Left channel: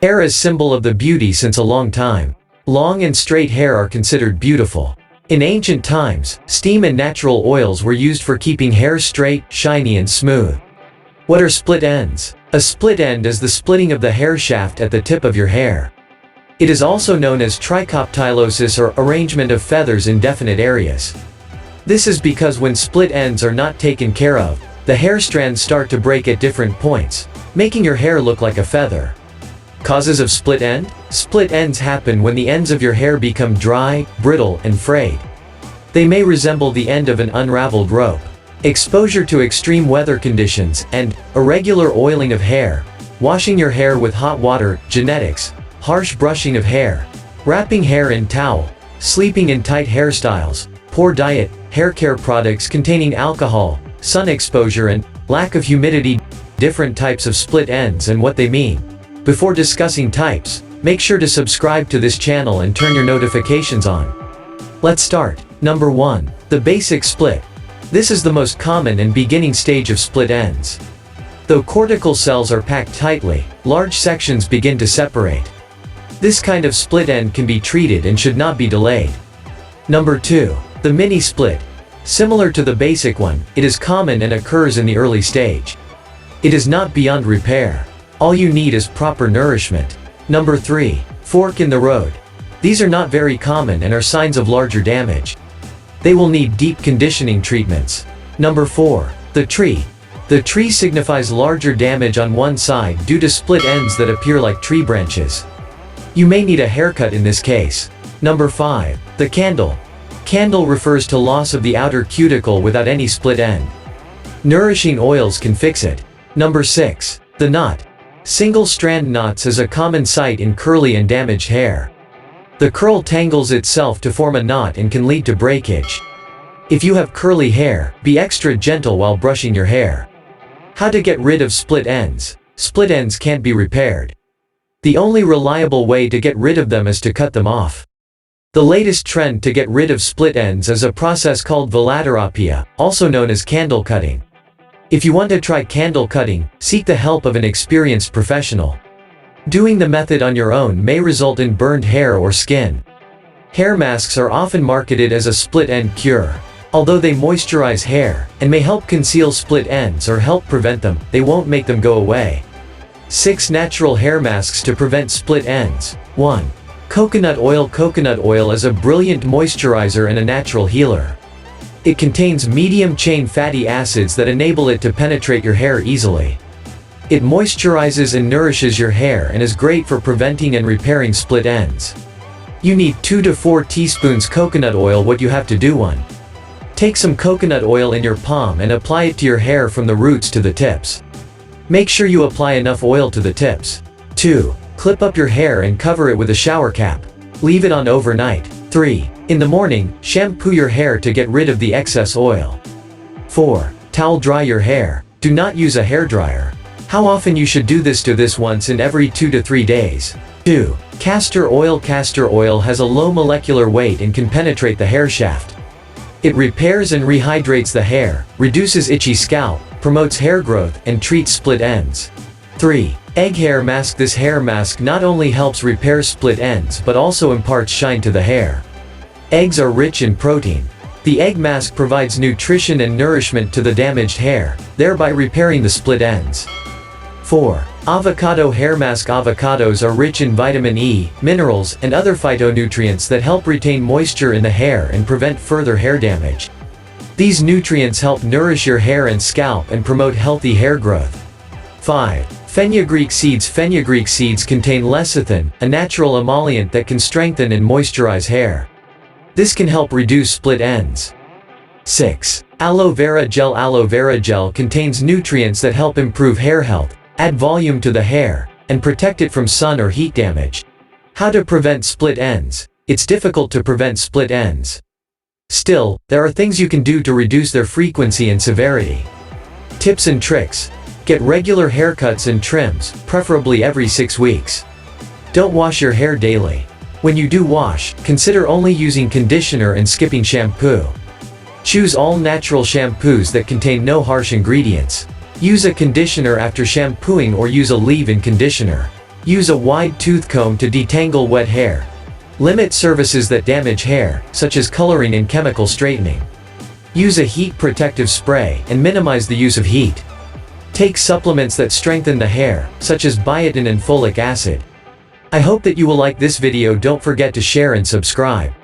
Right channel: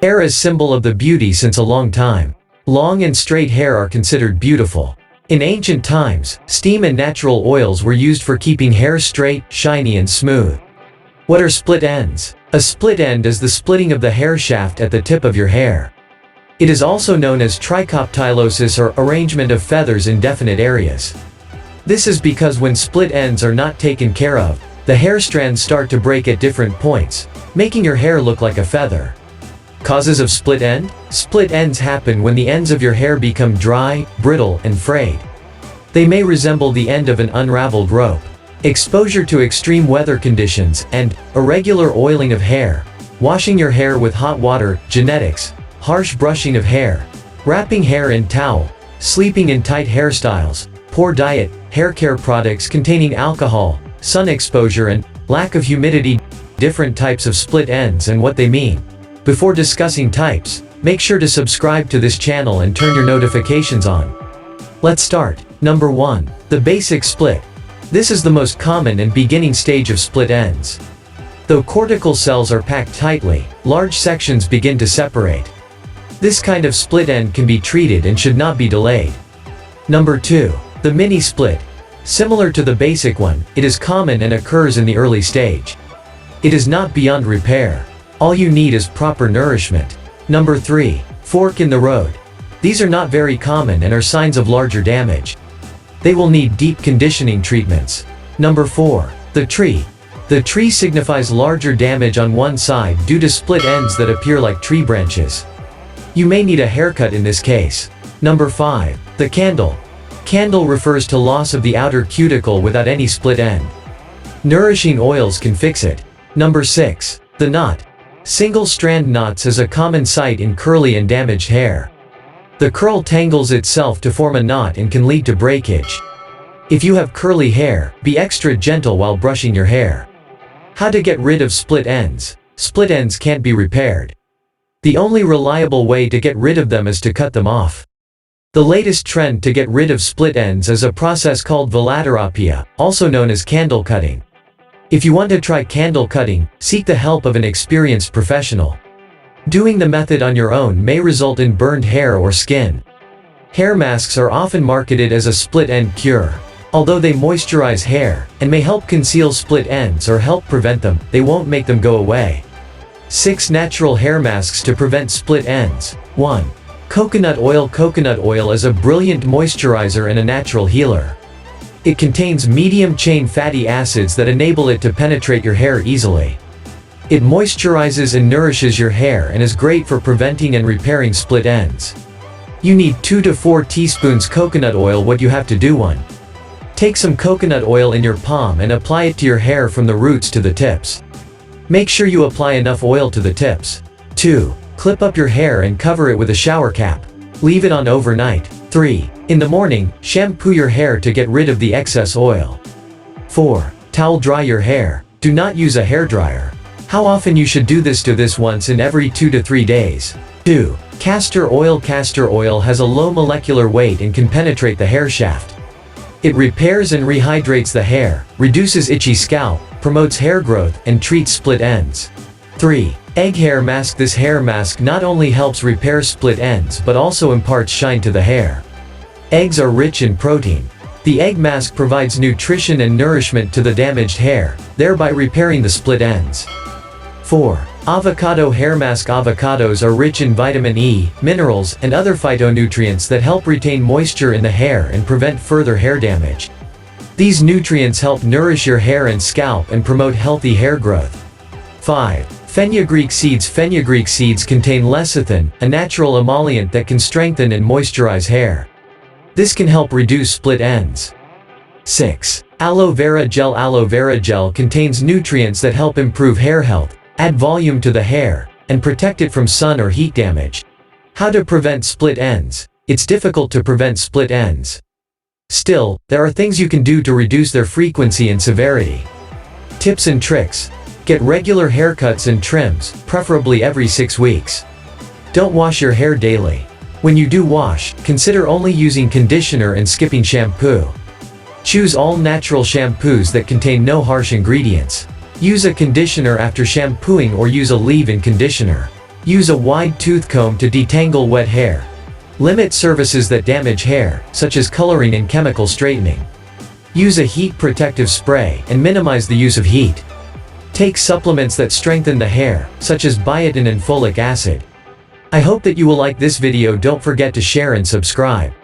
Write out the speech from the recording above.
Hair is symbol of the beauty since a long time. Long and straight hair are considered beautiful. In ancient times, steam and natural oils were used for keeping hair straight, shiny and smooth. What are split ends? A split end is the splitting of the hair shaft at the tip of your hair. It is also known as trichoptilosis or arrangement of feathers in definite areas. This is because when split ends are not taken care of, the hair strands start to break at different points, making your hair look like a feather. Causes of split end? Split ends happen when the ends of your hair become dry, brittle, and frayed. They may resemble the end of an unraveled rope. Exposure to extreme weather conditions, and irregular oiling of hair, washing your hair with hot water, genetics, harsh brushing of hair, wrapping hair in towel, sleeping in tight hairstyles, poor diet, hair care products containing alcohol, sun exposure and lack of humidity. Different types of split ends and what they mean. Before discussing types, make sure to subscribe to this channel and turn your notifications on. Let's start. Number 1. The basic split. This is the most common and beginning stage of split ends. Though cortical cells are packed tightly, large sections begin to separate. This kind of split end can be treated and should not be delayed. Number 2. The mini split. Similar to the basic one, it is common and occurs in the early stage. It is not beyond repair. All you need is proper nourishment. Number 3. Fork in the road. These are not very common and are signs of larger damage. They will need deep conditioning treatments. Number 4. The tree. The tree signifies larger damage on one side due to split ends that appear like tree branches. You may need a haircut in this case. Number 5. The candle. Candle refers to loss of the outer cuticle without any split end. Nourishing oils can fix it. Number 6. The knot. Single-strand knots is a common sight in curly and damaged hair. The curl tangles itself to form a knot and can lead to breakage. If you have curly hair, be extra gentle while brushing your hair. How to get rid of split ends? Split ends can't be repaired. The only reliable way to get rid of them is to cut them off. The latest trend to get rid of split ends is a process called Velaterapia, also known as candle cutting. If you want to try candle cutting, seek the help of an experienced professional. Doing the method on your own may result in burned hair or skin. Hair masks are often marketed as a split end cure. Although they moisturize hair, and may help conceal split ends or help prevent them, they won't make them go away. 6 natural hair masks to prevent split ends. 1. Coconut oil. Coconut oil is a brilliant moisturizer and a natural healer. It contains medium-chain fatty acids that enable it to penetrate your hair easily. It moisturizes and nourishes your hair and is great for preventing and repairing split ends. You need 2 to 4 teaspoons coconut oil. What you have to do: 1. Take some coconut oil in your palm and apply it to your hair from the roots to the tips. Make sure you apply enough oil to the tips. 2. Clip up your hair and cover it with a shower cap. Leave it on overnight. 3. In the morning, shampoo your hair to get rid of the excess oil. 4. Towel dry your hair. Do not use a hairdryer. How often you should do this? Once in every 2 to 3 days. 2. Castor oil. Castor oil has a low molecular weight and can penetrate the hair shaft. It repairs and rehydrates the hair, reduces itchy scalp, promotes hair growth, and treats split ends. 3. Egg hair mask. This hair mask not only helps repair split ends but also imparts shine to the hair. Eggs are rich in protein. The egg mask provides nutrition and nourishment to the damaged hair, thereby repairing the split ends. 4. Avocado hair mask. Avocados are rich in vitamin E, minerals, and other phytonutrients that help retain moisture in the hair and prevent further hair damage. These nutrients help nourish your hair and scalp and promote healthy hair growth. 5. Fenugreek seeds. Fenugreek seeds contain lecithin, a natural emollient that can strengthen and moisturize hair. This can help reduce split ends. 6. Aloe vera gel. Aloe vera gel contains nutrients that help improve hair health, add volume to the hair, and protect it from sun or heat damage. How to prevent split ends? It's difficult to prevent split ends. Still, there are things you can do to reduce their frequency and severity. Tips and tricks. Get regular haircuts and trims, preferably every 6 weeks. Don't wash your hair daily. When you do wash, consider only using conditioner and skipping shampoo. Choose all natural shampoos that contain no harsh ingredients. Use a conditioner after shampooing or use a leave-in conditioner. Use a wide tooth comb to detangle wet hair. Limit services that damage hair, such as coloring and chemical straightening. Use a heat protective spray and minimize the use of heat. Take supplements that strengthen the hair, such as biotin and folic acid. I hope that you will like this video. Don't forget to share and subscribe.